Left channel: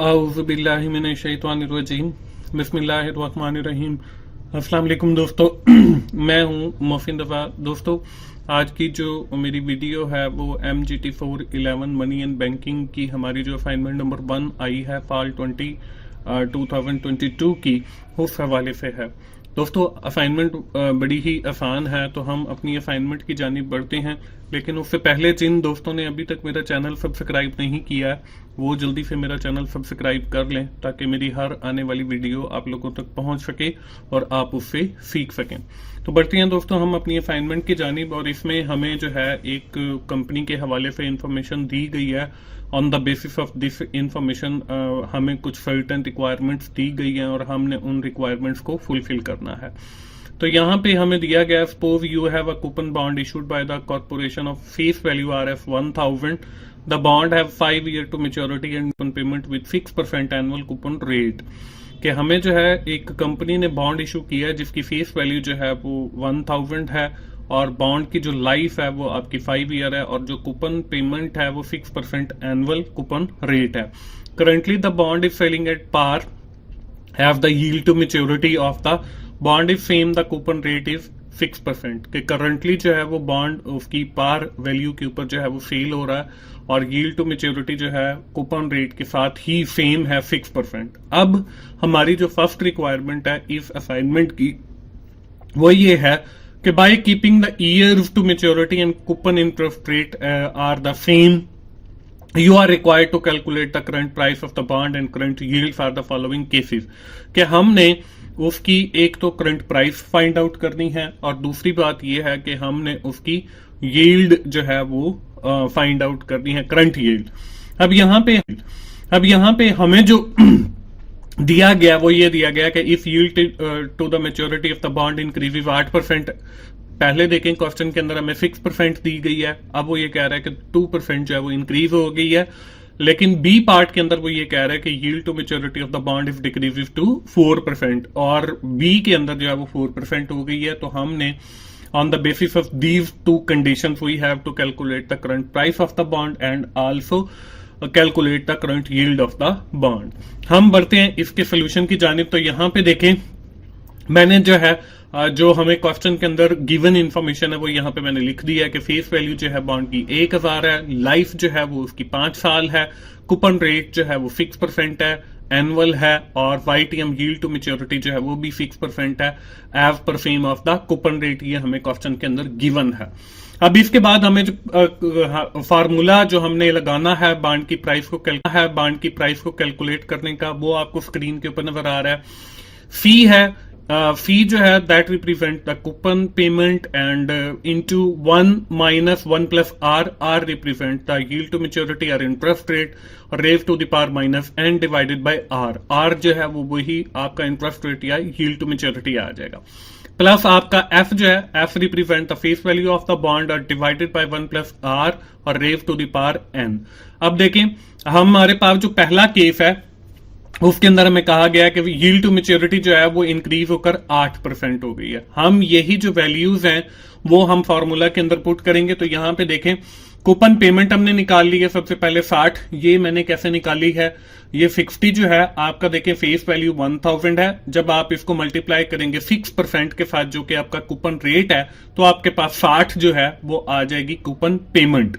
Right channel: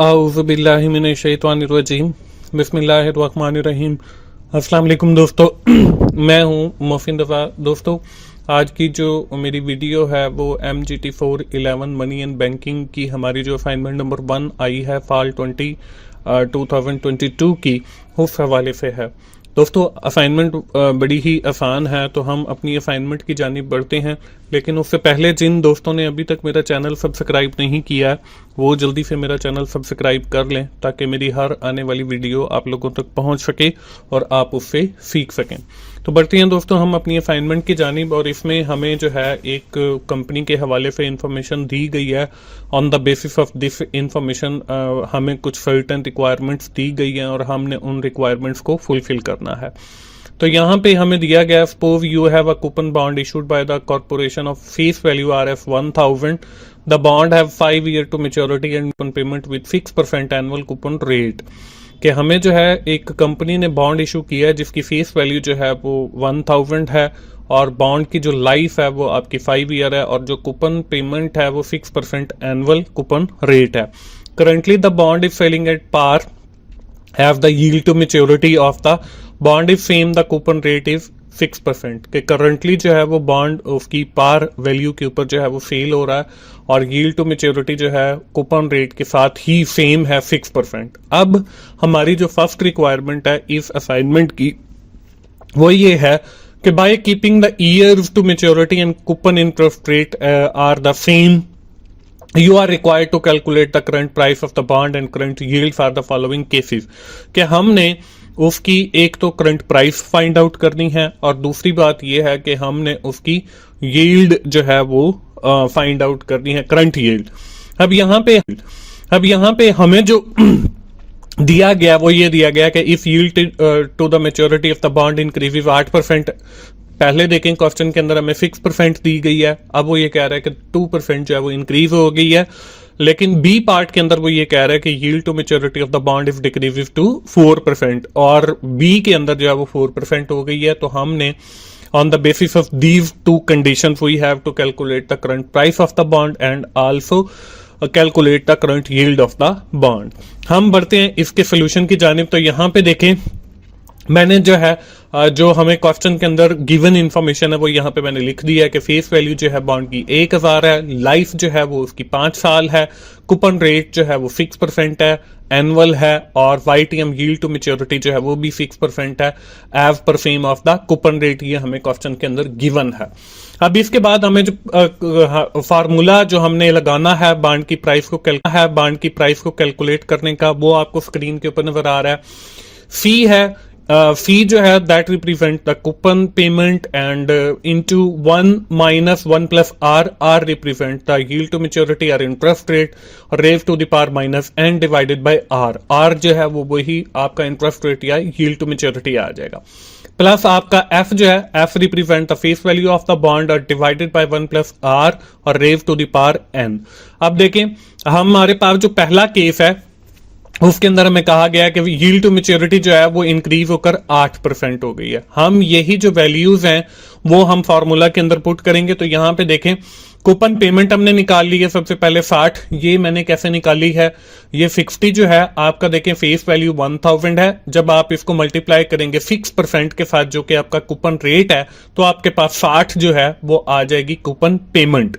औज़ुबिल्लाहिमिनश्शैतानिर्रजीम बिस्मिल्लाहिर्रहमानिर्रहीम। अस्सलाम वालेकुम दोस्तों, मैं हूं मोहसिन दफ़ा। दोस्तों, आज की जो मेरी वीडियो है वो MGT411 मनी एंड बैंकिंग की हमारी जो असाइनमेंट नंबर 1 आई है फाल 2022 की, उस हवाले से है। दोस्तों, असाइनमेंट बड़ी ही आसान है, तो हम अपनी असाइनमेंट की जानिब बढ़ते हैं। लेकिन उससे पहले जिन दोस्तों ने अभी तक मेरा चैनल सब्सक्राइब नहीं किया, वो जल्दी से मेरा चैनल सब्सक्राइब कर लें ताकि मेरी हर आने वाली वीडियो आप लोगों तक पहुंच सके और आप उससे सीख सकें। तो बढ़ते हैं दोस्तों हम अपनी असाइनमेंट की जानिब, और इसमें हमें जो है एक कंपनी के हवाले से इंफॉर्मेशन दी गई है। On the basis of this information हमें कुछ सर्टेन रिक्वायरमेंट्स दी गई हैं और हमने उन रिक्वायरमेंट्स को फुलफिल करना है। तो यहाँ पे हमें दिया गया, suppose you have a coupon bond issued by the corporation of face value RF 1000। The bond have 5 year to maturity and coupon payment with 6% annual coupon rate. कि हमें जो है एक कंपनी ने बॉन्ड इशू किया है जिसकी फेस वैल्यू जो है वो 1000 है, और बॉन्ड की जो लाइफ है वो आपकी 5 ईयर है, और जो कूपन पेमेंट है वो 6% एनुअल कूपन रेट है। Currently the bond is selling at par, have the yield to maturity of the bond is same, the coupon rate is 6%। के करंटली जो है वो बॉन्ड उसकी पार वैल्यू के ऊपर जो है वो सेल हो रहा है, और यील्ड टू मेच्योरिटी जो है कूपन रेट के साथ ही सेम है 6%। अब हमारी जो फर्स्ट रिक्वायरमेंट है इस असाइनमेंट की वो ये है कि by keeping the years to maturity and coupon interest rate are the same, you are required to calculate the current price of the bond and current yield for the following cases। कि हमने उसकी एक तो current price find out करनी है, और दूसरी बात यह है कि हमने उसकी यील्ड जो है वो फाइंड आउट करनी है, करंट यील्ड। अब यहाँ पे हमें जो दिया गया वो ये दिया गया कि if yield to the maturity of the bond increases 8%। पहले देखें क्वेश्चन के अंदर हमें 6% दी गई है, अब वो ये कह रहा है कि 2% जो है वो इंक्रीज हो गई है। लेकिन बी पार्ट के अंदर वो ये कह रहा है कि yield to maturity of the bond if decreases to 4%, और बी के अंदर जो है वो 4% हो गई है। तो हमने on the basis of these two conditions we have to calculate the current price of the bond and also calculate the current yield of the bond. हम बढ़ते हैं इसके सोल्यूशन की जानिब। तो यहाँ पे देखें, मैंने जो है जो हमें क्वेश्चन के अंदर गिवन इंफॉर्मेशन है वो यहाँ पे मैंने लिख दिया है कि फेस वैल्यू जो है बॉन्ड की 1000 है, लाइफ जो है वो उसकी 5 साल है, कूपन रेट जो है वो 6% है, एनुअल है, और YTM यील्ड टू मेच्योरिटी जो है वो भी 6% है, as per same of the coupon rate. ये हमें क्वेश्चन के अंदर गिवन है। अब इसके बाद हमें जो फार्मूला जो हमने लगाना है बॉन्ड की प्राइस को कैलकुलेट करने का, वो आपको स्क्रीन के ऊपर नजर आ रहा है। फी है, फी जो है that represent the coupon payment and into 1 minus 1 plus R represent the yield to maturity और interest rate, raise to the power minus N divided by R जो है वो वही आपका इंटरेस्ट रेट या यील्ड टू मेच्योरिटी आ जाएगा। Plus आपका एफ जो है, F represent the face value of the bond और डिवाइडेड बाय 1 प्लस आर और raise to the power N. अब देखें, हमारे पास जो पहला केस है उसके अंदर हमें कहा गया कि यील्ड टू मेच्योरिटी जो है वो इंक्रीज होकर 8% हो गई है। हम यही जो वैल्यूज हैं वो हम फार्मूला के अंदर पुट करेंगे। तो यहाँ पे देखें, कूपन पेमेंट हमने निकाल ली है सबसे पहले 60। ये मैंने कैसे निकाली है, ये 60 जो है आपका देखें फेस वैल्यू 1000 है। जब आप इसको मल्टीप्लाई करेंगे 6% के साथ जो कि आपका कूपन रेट है, तो आपके पास 60 जो है वो आ जाएगी कूपन पेमेंट।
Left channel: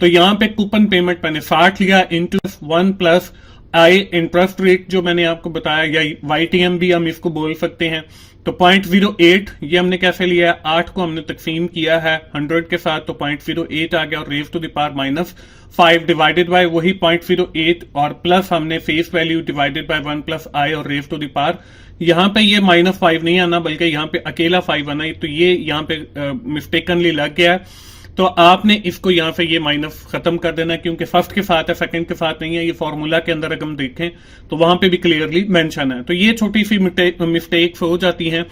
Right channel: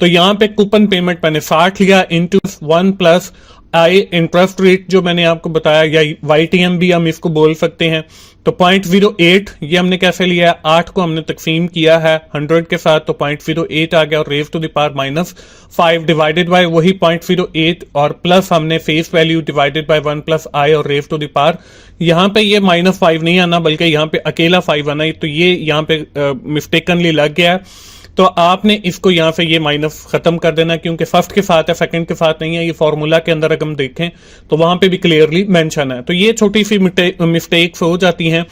तो यहाँ पे कूपन पेमेंट मैंने 60 लिया इंटू 1 प्लस आई इंटरेस्ट रेट जो मैंने आपको बताया, या YTM भी हम इसको बोल सकते हैं। तो 0.08 ये हमने कैसे लिया है, 8 को हमने तकसीम किया है 100 के साथ, तो 0.08 आ गया, और raise to the power minus 5 divided by वही 0.08, और प्लस हमने face value divided by 1 plus I और रेज टू द पावर। यहाँ पे ये -5 नहीं आना बल्कि यहाँ पे अकेला 5 आना है, तो ये यहाँ पे मिस्टेकनली लग गया है। तो आपने इसको यहाँ से ये माइनस खत्म कर देना, क्योंकि फर्स्ट के साथ है सेकंड के साथ नहीं है। ये फॉर्मूला के अंदर अगर हम देखें तो वहां पे भी क्लियरली मेंशन है। तो ये छोटी सी मिस्टेक्स हो जाती हैं।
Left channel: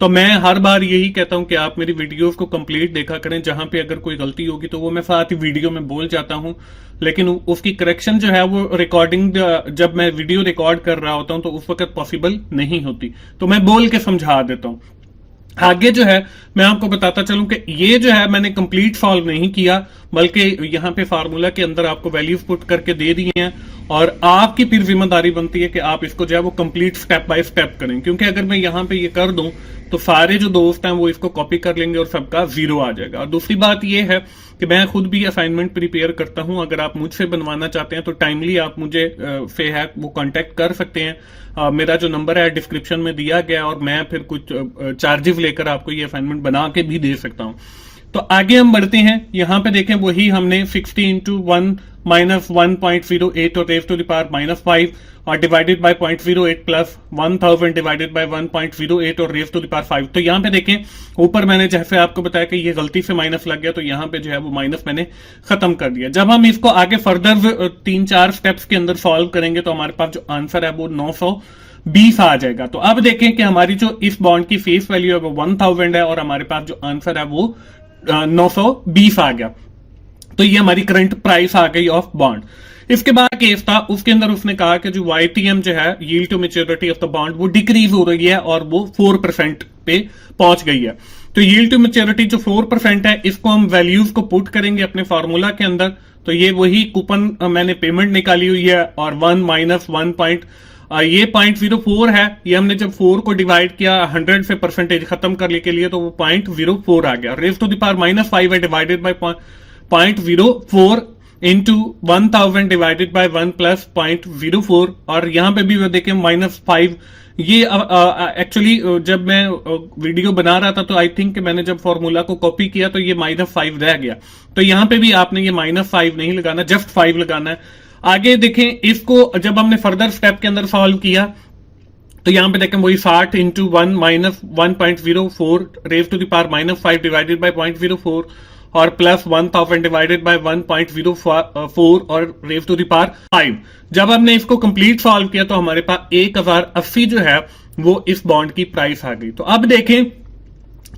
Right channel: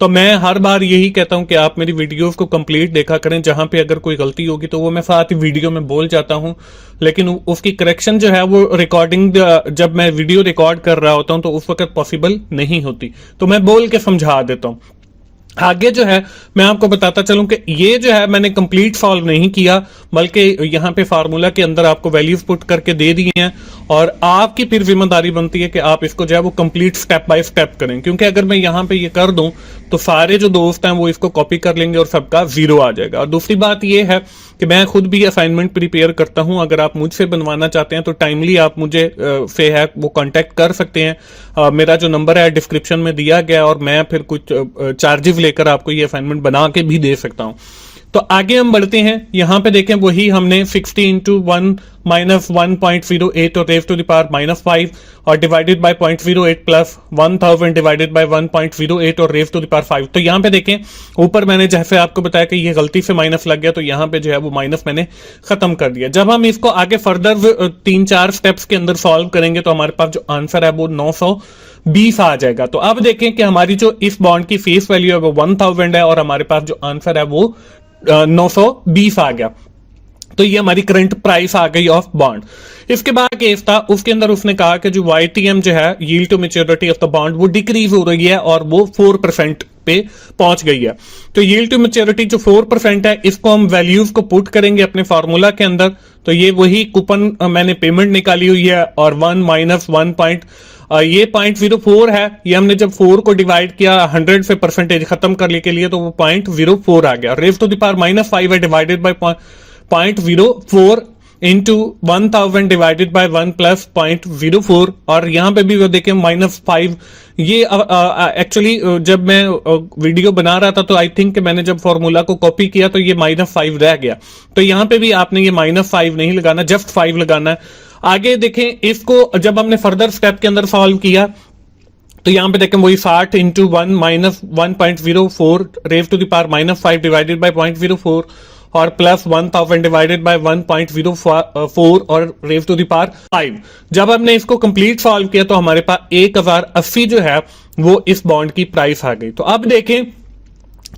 तो मैं हर बार यही कहता हूं कि आप मेरी वीडियोस को कंप्लीट देखा करें, जहां पे अगर कोई गलती होगी तो वो मैं साथ ही वीडियो में बोल जाता हूं, लेकिन उसकी करेक्शन जो है वो रिकॉर्डिंग जब मैं वीडियो रिकॉर्ड कर रहा होता हूं तो उस वक्त पॉसिबल नहीं होती, तो मैं बोल के समझा देता हूं। आगे जो है मैं आपको बताता चलूं कि ये जो है मैंने कंप्लीट सॉल्व नहीं किया, बल्कि यहाँ पे फार्मूला के अंदर आपको वैल्यूज पुट करके दे दी हैं, और आपकी फिर जिम्मेदारी बनती है कि आप इसको जो है वो कंप्लीट स्टेप बाय स्टेप करें, क्योंकि अगर मैं यहाँ पे ये कर दूं तो सारे जो दोस्त हैं वो इसको कॉपी कर लेंगे और सबका जीरो आ जाएगा। और दूसरी बात ये है कि मैं खुद भी असाइनमेंट प्रिपेयर करता हूं, अगर आप मुझसे बनवाना चाहते हैं तो टाइमली आप मुझे से है वो कांटेक्ट कर सकते हैं। मेरा जो नंबर है डिस्क्रिप्शन में दिया गया, और मैं फिर कुछ चार्जेस लेकर आपको ये असाइनमेंट बना के भी दे सकता हूं। तो आगे हम बढ़ते हैं, यहां पे देखें वही हमने 60 इंटू 1 माइनस 1.08 और रेज टू द पावर -5 और divided bye 0.08 plus 1000 divided by 1.08 और रेज टू द पावर 5। तो यहां पे देखें ऊपर मैंने जैसे आपको बताया कि ये गलती से माइनस लग गया, तो यहां पे जो है वो माइनस मैंने खत्म कर दिया। जब हम इसको आगे फर्दर 3-4 स्टेप्स के अंदर सॉल्व करेंगे तो हमारे पास जो आंसर है वो 920 आ जाएगा। तो अब देखें कि हमारी जो इस बॉन्ड की फेस वैल्यू है वो 1000 है और हमारे पास जो आंसर है वो 920 आ गया। तो ये हमारी करंट प्राइस आ गई ऑफ बॉन्ड। इसके बाद केस था, उसके अंदर उसने कहा कि जो YTM जो है yield to maturity of the bond वो डिक्रीज हो रही है और वो 4% पे पहुंच गई है। तो यील्ड टू मैच्योरिटी जो 4% है इसको हम वैल्यूज को पुट करेंगे अपने फार्मूला के अंदर। तो ये वही कूपन मैंने पेमेंट निकाली हुई है, और 1 माइनस 1 ये 0.04 है। ये हमने जब 4 को डिवाइड किया 100 से परसेंटेज खत्म करने के लिए तो वो 0.04 आ गया। रेज टू द पावर -5 है divided by 0.04 into 1000 divided by 1 plus 0.04, और यहां पे भी वो देखें -5। ये एक्चुअली जब मैं वीडियो बना रहा था तो आई थिंक मैंने जब फॉर्मूला को कॉपी किया तो ये -5 रह गया। तो यहां पे भी आपने ये -5 नहीं लगाना, जस्ट 5 लगाना है। आगे देखें, इसको जब हमने फर्दर स्टेप के अंदर सॉल्व किया तो यहां पे देखें वही 60 into 1 minus 1.04 raise to the power -5 divided by 0.04 और प्लस 1000 डिवाइडेड बाय 1.04 और रेज टू द पावर 5। जब हमने इसको कंप्लीट सॉल्व किया तो हमारे पास 1080 जो है वो इस बॉन्ड की प्राइस आ गई। तो अब देखें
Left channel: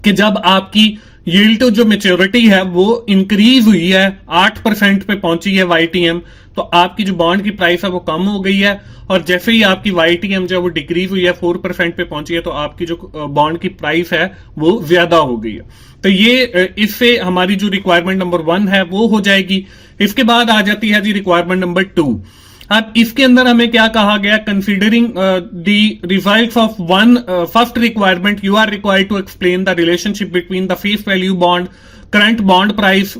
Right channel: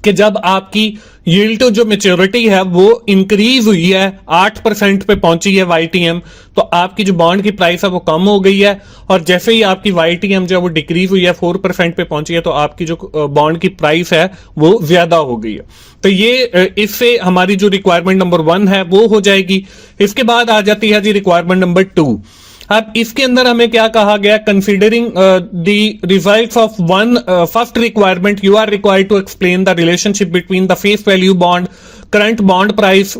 कि जब आपकी यील्ड टू जो मैच्योरिटी है वो इंक्रीज हुई है, 8% पे पहुंची है YTM, तो आपकी जो बॉन्ड की प्राइस है वो कम हो गई है, और जैसे ही आपकी YTM जो है वो डिक्रीज हुई है 4% पे पहुंची है तो आपकी जो बॉन्ड की प्राइस है वो ज्यादा हो गई है। तो ये इससे हमारी जो रिक्वायरमेंट नंबर 1 है वो हो जाएगी। इसके बाद आ जाती है जी रिक्वायरमेंट नंबर 2। अब इसके अंदर हमें क्या कहा गया, considering the results of one first requirement you are required to explain the relationship between the face value bond, current bond price,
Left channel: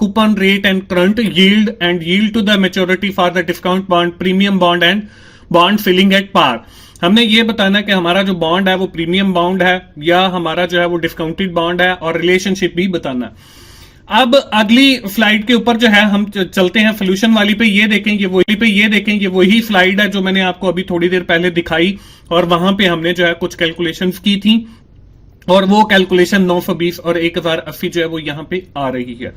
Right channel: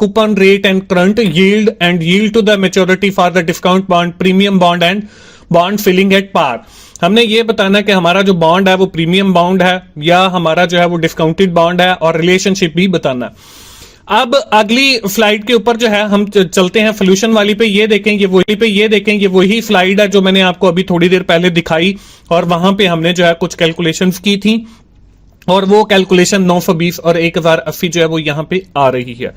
coupon rate and current yield, and yield to the maturity for the discount bond, premium bond and bond selling at par। हमने ये बताना कि हमारा जो bond है वो premium bond है या हमारा जो है वो डिस्काउंटेड बॉन्ड है, और रिलेशनशिप भी बताना। अब अगली स्लाइड के ऊपर जो है हम चलते हैं सोल्यूशन वाली पे। ये देखेंगे वही स्लाइड है जो मैंने आपको अभी थोड़ी देर पहले दिखाई, और वहां पे हमने जो है कुछ कैलकुलेशंस की थी, और वो कैलकुलेशन 920 और 1080 जो है वो यहां पे आ रही है।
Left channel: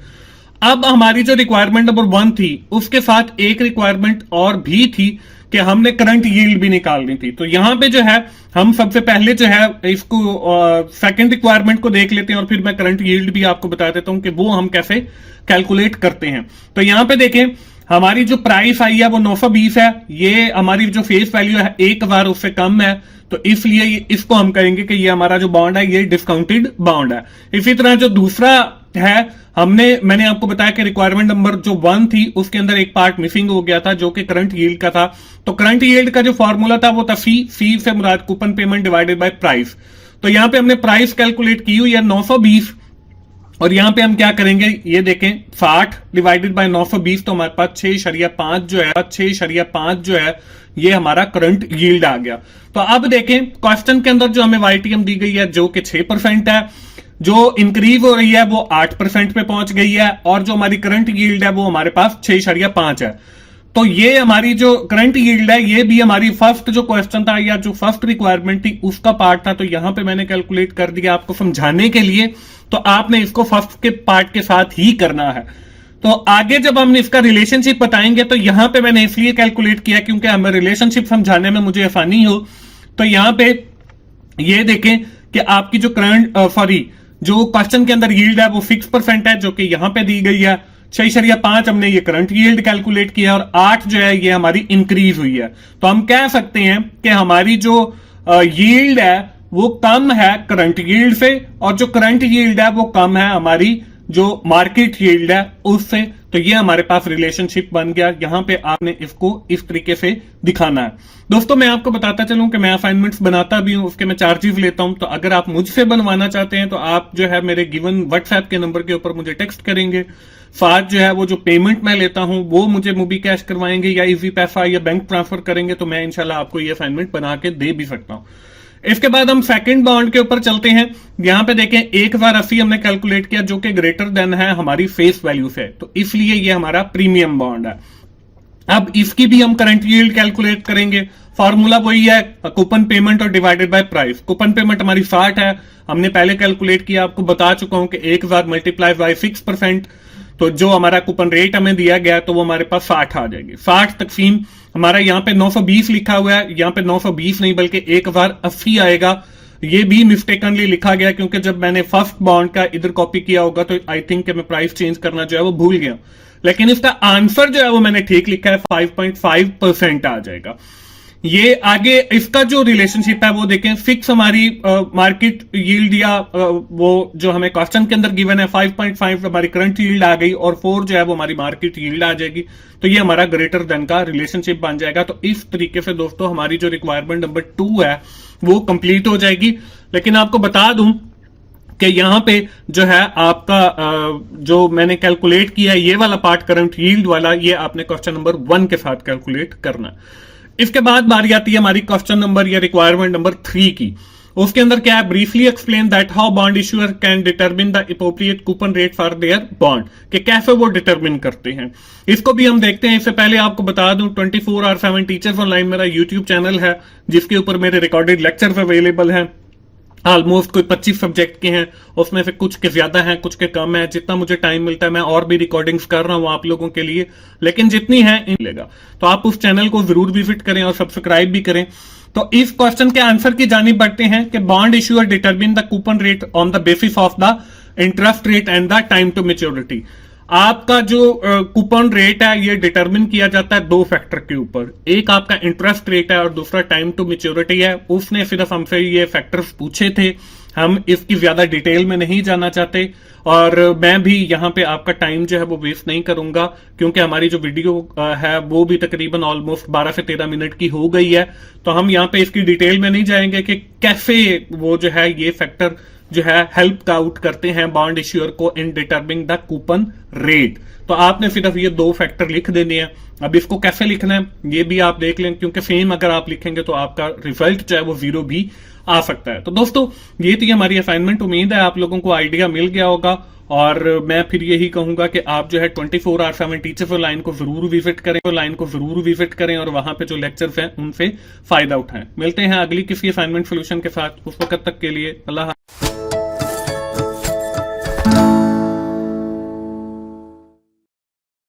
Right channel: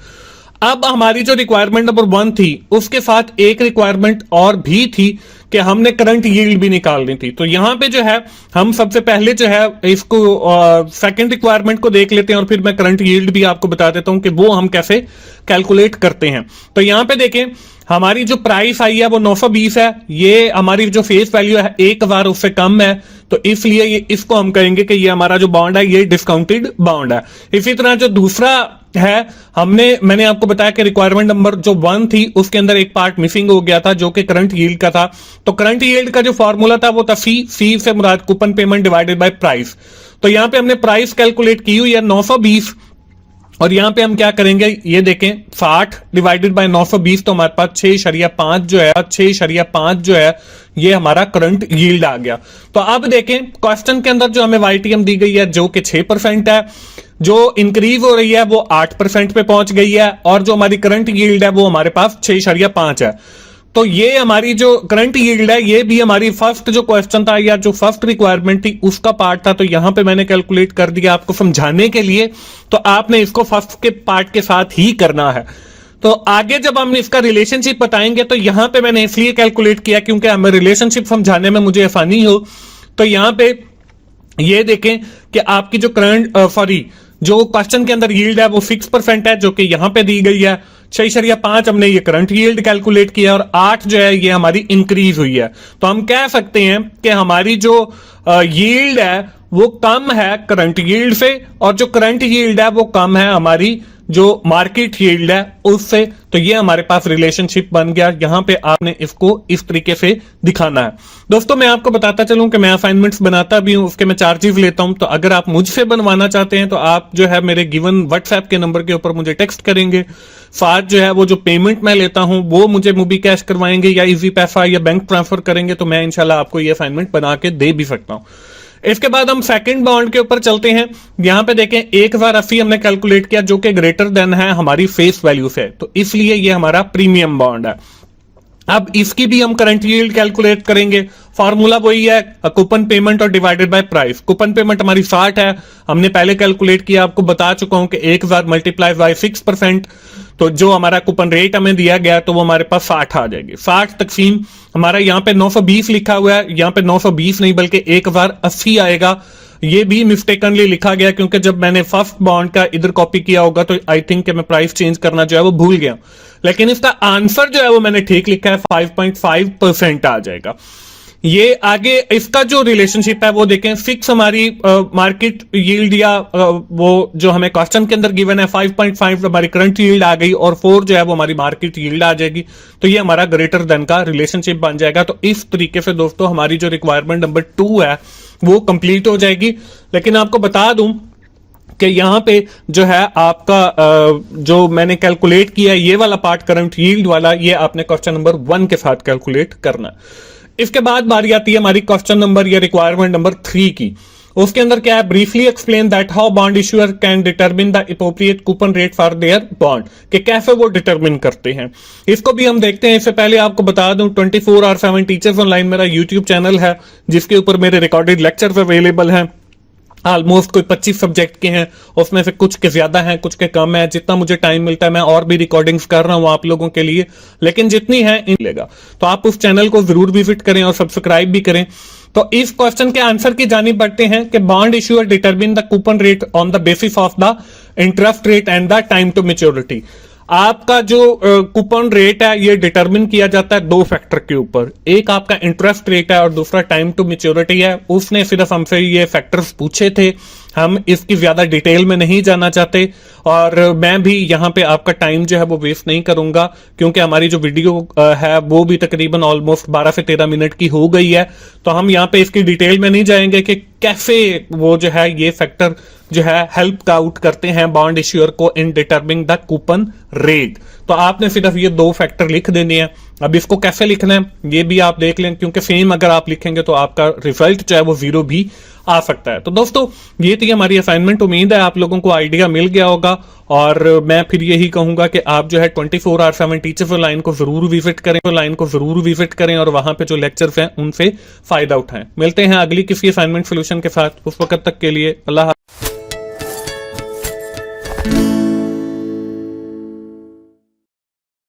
अब हमारी जो रिक्वायरमेंट नंबर 1 थी उसके साथ एक रिक्वायरमेंट और भी थी कि हमने करंट यील्ड भी निकालनी थी। तो यहां पे जो है हम सबसे पहले जो है इसको सेकंड रिक्वायरमेंट को देख लेते हैं, और फिर मैं करंट यील्ड भी आपको बता देता हूं कि वो हम कैसे कैलकुलेट करते हैं। तो यहां पे देखें हमारी जो प्राइस आई है वो 920 है, ये हमारी जो फेस वैल्यू है 1000 उससे कम है, तो इसलिए इसको हम कहेंगे कि ये हमारा जो बॉन्ड है ये डिस्काउंटेड बॉन्ड है। इसी तरह जो दूसरा है, मैंने आपको बताया कि रिक्वायरमेंट नंबर जो 1 थी उसके अंदर एक पार्ट मिसिंग हो गया था जो कि करंट यील्ड का था। तो करंट यील्ड का जो फॉर्मूला था वो था सी से मुराद coupon payment divided by price. तो यहां पे हमने प्राइस कैलकुलेट की हुई है 920, और यहां पे हम क्या करेंगे ये देखें 60 डिवाइडेड बाय 920, तो हमारे पास 6.5 जो है ये हमारा करंट यील्ड आ गया। तो अब देखें क्वेश्चन के अंदर जो हमें YTM दी गई है जो कि 6% है, जो इंक्रीज हो रही है वो 8% पे पहुंच गई है, और जो हमारी करंट यील्ड है वो हमारे पास 6.5 है। तो ये हमारी जो करंट यील्ड है ये भी हमारी फर्स्ट जो क्वेश्चन था या जो फर्स्ट रिक्वायरमेंट थी उसका पार्ट था, तो यहां पे मैंने कैलकुलेट कर दिया आपको समझाने के लिए। तो आपने इसको फर्स्ट के पार्ट के साथ ही करना है। तो आगे जब हम इसका रिलेशनशिप बताएंगे तो यहां पे मैंने इसलिए कैलकुलेट किया क्योंकि हमें रिलेशनशिप समझाने में मुझे आसानी हो। तो यहां पे ये देखें कि आपकी जो करंट जो क्वेश्चन के अंदर यील्ड है वो 6% है जो कि यहां पे दी गई है। 6.5 हमने ये करंट यील्ड कैलकुलेट किया, और 8 जो है ये हमारी इंक्रीज हुई है। तो हम कह सकते हैं कि हमारी जो यील्ड है वो कम है करंट यील्ड से, और जो करंट यील्ड है वो कम है हमारी जो मार्केट यील्ड है उससे। तो ये हमारे पास रिलेशनशिप बन गया। यहां पे आपने इसको इस तरीके से दिखाना है। दोस्तों मैं आपको बताता चलूं कि मैं असाइनमेंट्स बनाता भी हूं, उसके मैं चार्जेस लेता हूं। तो अगर आप मुझसे बनवाना चाहते हैं तो आप जो है मेरे गिवन व्हाट्सएप के नंबर के ऊपर मुझे टेक्स्ट करेंगे। साथ जो है वो जो पेमेंट मैं लेता हूं वो मुझे मूवी कैश करवाएंगे या इजी पैसा या बैंक ट्रांसफर करेंगे, तो मैं इंशाल्लाह आपको ये असाइनमेंट बना के दे भी सकता हूं। इसके बाद हम सेकंड बॉन्ड के ऊपर चलते हैं। यहां पे देखें 1080 हमने कैलकुलेट किया जो कि ग्रेटर देन है हमारी फेस वैल्यू से, तो इसलिए ये हमारा प्रीमियम बॉन्ड है। अब इसकी भी हम करंट यील्ड कैलकुलेट करेंगे। फार्मूला वही है, कूपन पेमेंट और divided by price. Coupon payment हमारी 60 है, हमने पहले कैलकुलेट किया, आपको बता चुका हूं कि 1000 मल्टीप्लाई बाय 6%, तो जो हमारा कूपन रेट हमें दिया गया है तो वो हमारे पास 60 आ जाएगी। 60 तकसीम हमारा यहाँ पे 920 लिखा हुआ है, यहाँ पे 920 नहीं बल्कि 1080 आएगा। ये भी मिस्टेकनली लिखा गया क्योंकि जब मैंने फर्स्ट बॉन्ड का इधर कॉपी किया होगा तो आई थिंक मैं प्राइस चेंज करना जो है वो भूल गया, लेकिन इसका आंसर जो है वो मैंने ठीक लिखा है, 5.5% आ जाएगा। ये आगे इसका जो रिलेशनशिप है वो देखें, 6 हमारी मार्केट यील्ड या वो जो हमें क्वेश्चन के अंदर गिवन है 5.5 हमारी करंट यील्ड आ गई, और 4 जो है वो हमारी मार्केट यील्ड आ जाएगी। तो ये हमारा ग्रेटर देन का रिलेशनशिप बन जाएगा। तो इस तरीके से दोस्तों हमारी जो रिक्वायरमेंट नंबर 2 है वो कंप्लीट हो जाएगी। लेकिन आपको बता दूं कि यहां पे जो है आपका जो मैंने कैलकुलेट किया ये वाला पार्ट करंट यील्ड वाला, ये आपने क्वेश्चन नंबर 1 के साथ कैलकुलेट करना है। इसके बाद बारी आती है हमारी क्वेश्चन नंबर या रिक्वायरमेंट नंबर 3 की। उसके अंदर क्या है, briefly explain that how bond issuer can determine the appropriate coupon rate for their bond, कि कैसे वो डिटरमिन करते हैं। इसको भी हम देखते हैं। इससे पहले आपको बता दूं 24/7 टीचर्स ऑनलाइन मेरा यूट्यूब चैनल है जिसके ऊपर मेरे रिकॉर्डेड लेक्चर्स अवेलेबल हैं। ऑलमोस्ट कोई 25 सब्जेक्ट के हैं, उसमें से कुछ के ज्यादा हैं कुछ के कम है। जितना मुझे टाइम मिलता है मैं और भी रिकॉर्डिंग्स कर रहा हूं आप लोगों के लिए, लेकिन जितनी है इन मिलेगा। तो आप उस चैनल को जरूर विजिट करें और सब्सक्राइब भी करें। तो इस क्वेश्चन के आंसर की जानिब बढ़ते हैं कि bond issuer determine the coupon rate on the basis of the interest rate and the time to maturity. आपका जो कूपन रेट है ये डिटरमिन किया जाता है 2 फैक्टर के ऊपर, एक आपका इंटरेस्ट रेट है और दूसरा टाइम टू मैच्योरिटी है। उसने सिर्फ हमसे ये फैक्टर्स पूछे थे, हम इसकी ज्यादा डिटेल में नहीं जाना चाहते, और मैं भी यहाँ पे आपका टाइम जो है वो वेस्ट नहीं करूंगा क्योंकि हमारी जो वीडियो है वो भी तकरीबन ऑलमोस्ट 12 से 13 मिनट की हो गई है। तो हम यहाँ पे इसकी डिटेल में नहीं जाएंगे कि कैसे वो जो है ये फैक्टर जो है हेल्प आउट करते हैं बॉन्ड इश्यूअर को इन डिटरमिनिंग द कूपन रेट। तो आपने सिर्फ ये 2 फैक्टर लिख देने हैं। अब इसको कैसे लिखना है ये भी आप देख लें, क्योंकि सेम अगर आप लिखेंगे तो आपका रिजल्ट जो है वो 0 भी आ सकता है। तो दोस्तों ये थी हमारी असाइनमेंट। उम्मीद है आप लोगों को आइडिया मिल गया होगा, और मैं फिर यही कहूंगा कि आप जो है 24/7 टीचर्स ऑनलाइन को जरूर विजिट करें और वहां पे जो लेक्चर्स हैं उनसे फायदा उठाएं। मिलते हैं अगली किसी असाइनमेंट सोल्यूशन के साथ, उस वक्त तक के लिए अल्लाह।